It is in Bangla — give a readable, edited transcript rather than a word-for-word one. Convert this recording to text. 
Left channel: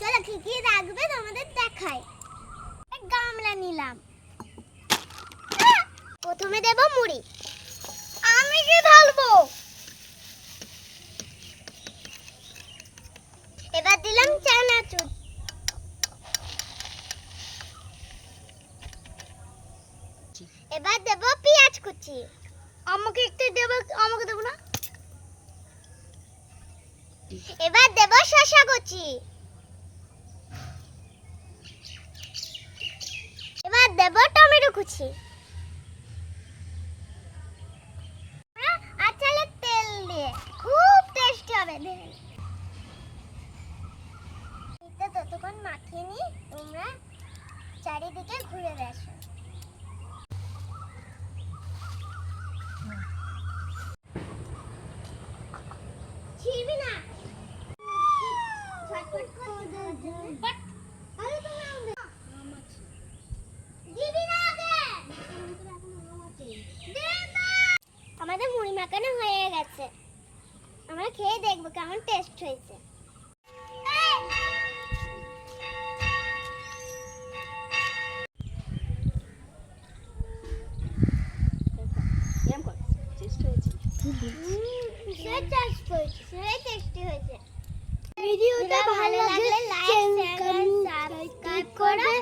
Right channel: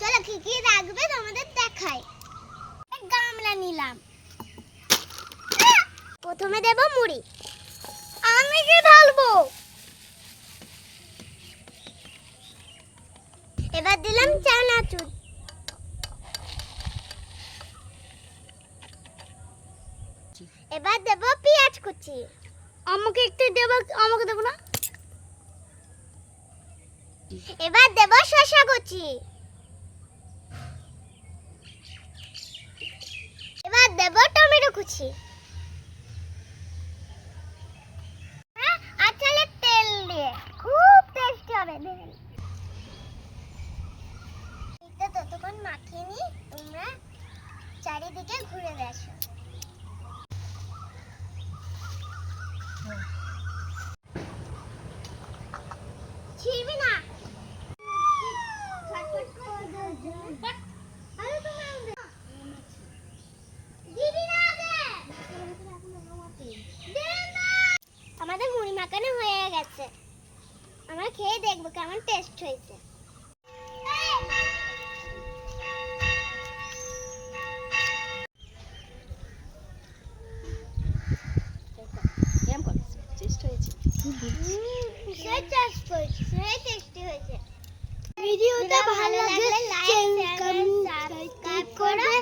চলো কি কি রাখবে তোমাদের দেখাই। এক গামলা নিলাম, প্রথমে দেব মুড়ি। আমি কি ঢালবো? এবার দিলাম চানাচুর। এবার দেব পেঁয়াজ কুচি। আমাকে একটু দেব, আমাকে দেব না। এবার দেব শসা কুচি। এবার দেব টমেটো কুচি। আচ্ছা, তেল দিয়ে খুব টেস্টি হবে। দেখেন এটা ততক্ষণ মাখিয়ে নি, তোমরা চারিদিকে ঘুরে দেখো। ছিড়বি না। আমাদের মুড়ি মাখানো হয়ে গেছে, আমরা খেয়ে দেখবো কেমন টেস্ট হয়েছে। ভিডিওটা ভালো লাগলে লাইক, কমেন্ট, সাবস্ক্রাইব করবে।